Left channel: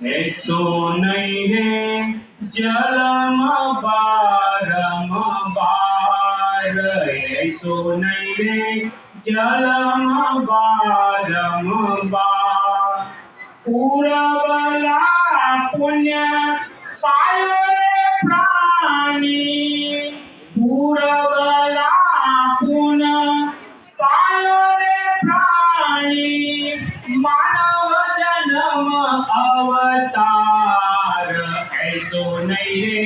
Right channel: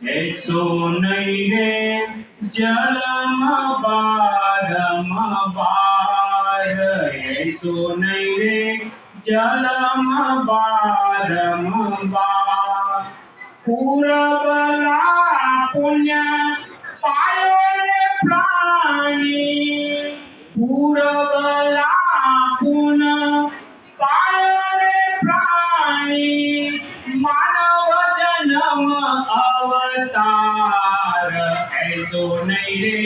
ऐसो नहीं रे जलम बारंबार, ऐसो नहीं रे जलम बारंबार। पूरबला पुण्य पायो रे प्राणी, पूरबला पुण्य पायो रे प्राणी, मानव जन्म अवतार, ऐसो नहीं रे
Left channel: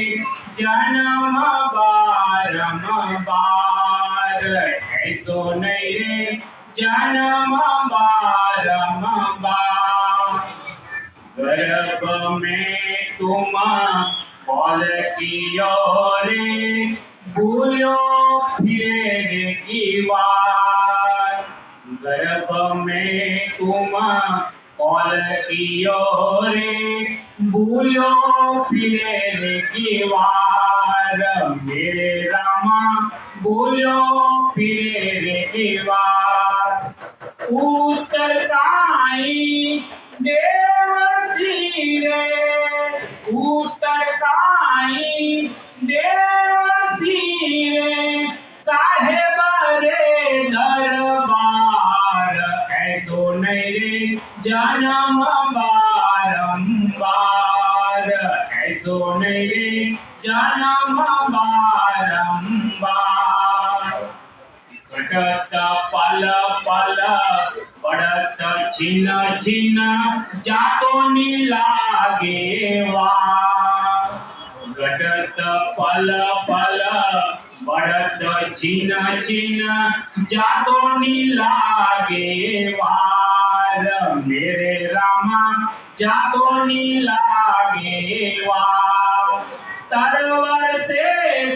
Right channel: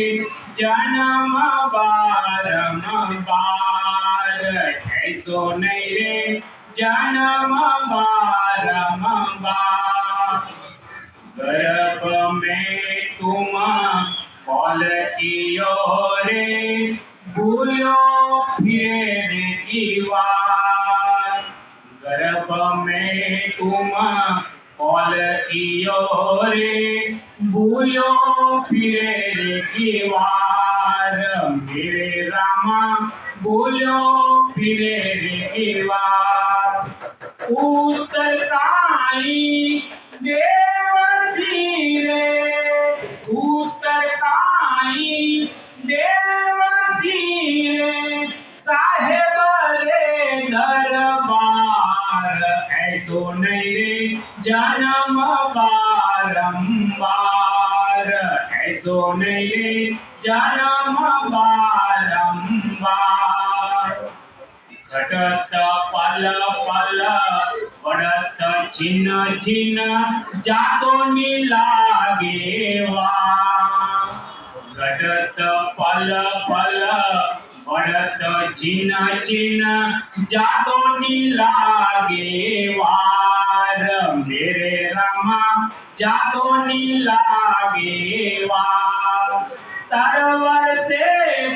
जन्म बारंबार, ऐसो नहीं रे जन्म बारंबार। गर्भ में तुम कॉल कियो रे, भूलो फिरे रे की बार। गर्भ में तुम कॉल कियो रे, भूलो फिरे रे की बार। मेरे रामा भूलो फिरे रे की बार। उत्तर काई देवसी रे, उत्तर काई देवसी रे, साहेब रे दरबार, ऐसो नहीं रे जन्म बारंबार, ऐसो नहीं रे जन्म बारंबार। घटत पल पल पड़त छिन्न छिन्न, जातो नी लागे वा। घटत पल पल पड़त छिन्न छिन्न, जातो नी लागे वार। मेरे रामा जातो नी लागे वार। तरवर से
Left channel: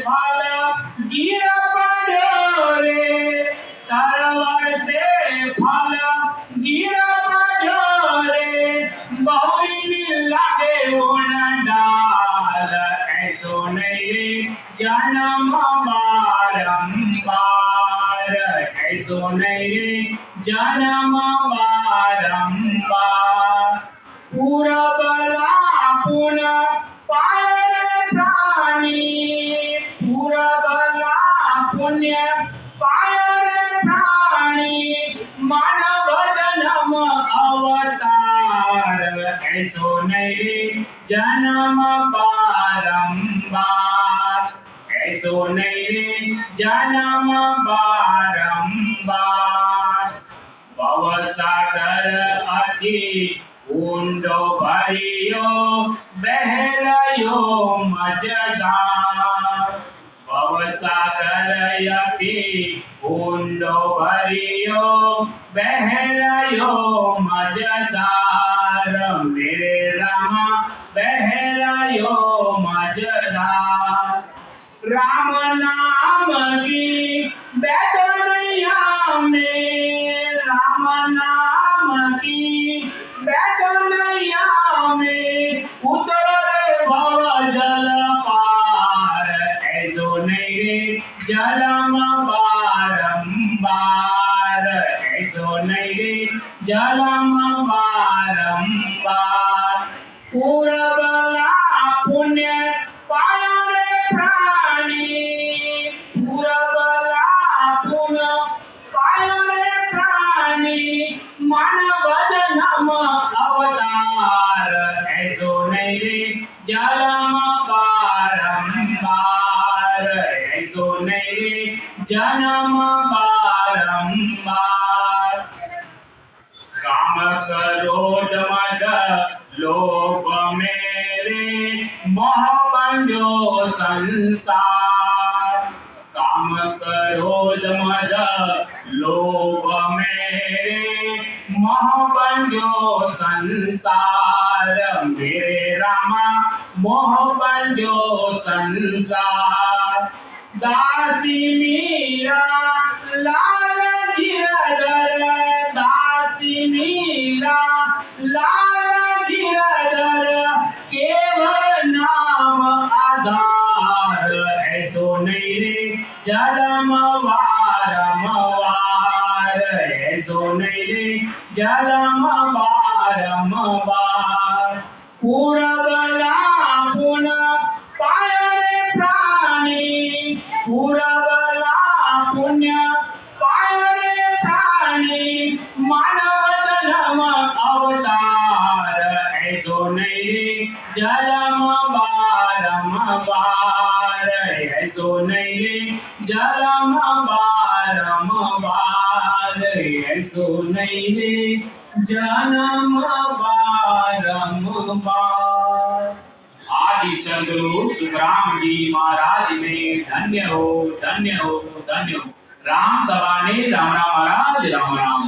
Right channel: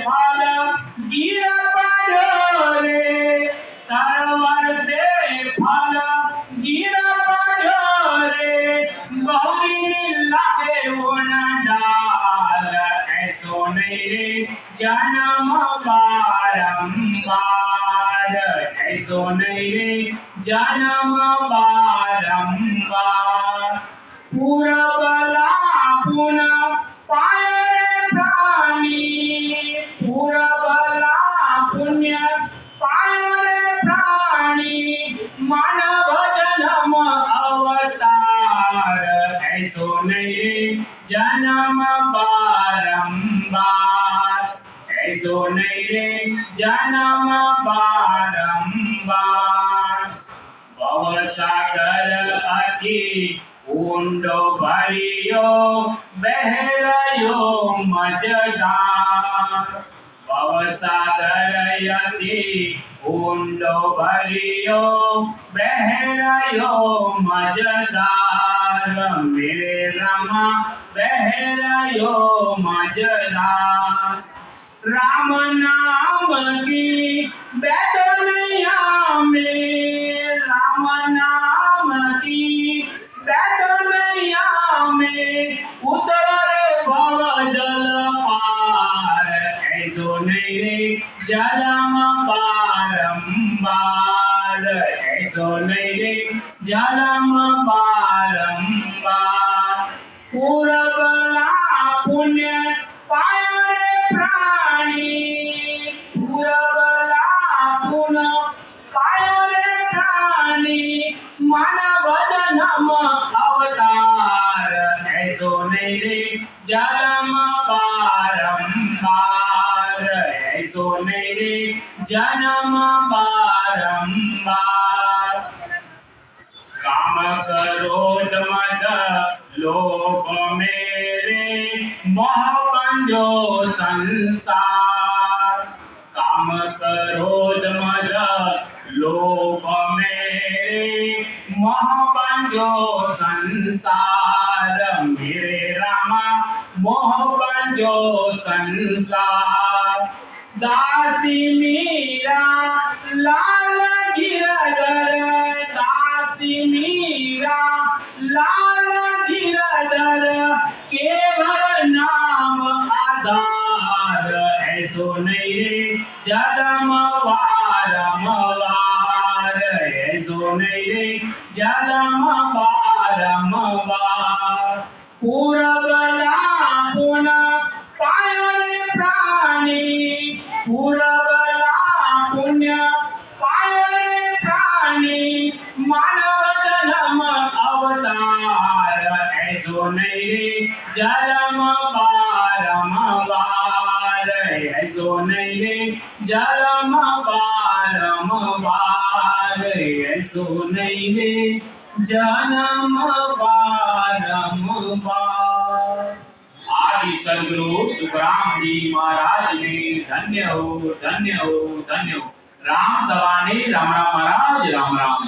फल गिर पड़ो रे, तरवर से फल गिर पड़ो रे, गौरी नी लागे वन डाल, ऐसो नहीं रे जन्म बारंबार, ऐसो नहीं रे जन्म बारंबार। पूरबला पुण्य पायो रे प्राणी, पूरबला पुण्य पायो रे प्राणी, मानव जन्म अवतार, ऐसो नहीं रे जन्म बारंबार, ऐसो नहीं रे जन्म बारंबार। भवसागर अति ऊंडो भरियो, बहरयो मजदार। भवसागर अति ऊंडो भरियो, बहरयो मजदार। मेरे रामा बहरयो मजदार। राम नाम की बैठनैया में, राम नाम की बैठनैया में, उतर रे भव जल पार, ऐसो नहीं रे जन्म बारंबार, ऐसो नहीं रे जन्म बारंबार। पूरबला पुण्य पायो रे प्राणी, पूरबला पुण्य पायो रे प्राणी, मानव जन्म अवतार, ऐसो नहीं रे जन्म बारंबार, ऐसो नहीं रे जन्म बारंबार। काम क्रोध मद लोभ मेरे, मोह बंधो संसार। काम क्रोध मद लोभ मेरे, मोह बंधो संसार। मेरे रामा मोह बंधो संसार। दासी मीरा लाल गिरधर, दासी मीरा लाल गिरधर, केवल नाम आधार, ऐसो नहीं रे जन्म बारंबार, ऐसो नहीं रे जन्म बारंबार। પૂરબલા પુન પાય રે પ્રાણી પૂરબલા પુણ્ય પાય રે પ્રાણી માનવ જન્મ અવતાર એસો નહીં રે જલમ બારંવાર એસો નહીં રે જલમ બારંવાર એસો નહીં રે જન્મ बारंबार। आदि सदगुरु सुखराम जी महाराज ने धन्य हो धन्य हो धन्य हो। राम सवाने राम राम महाराज राम राम।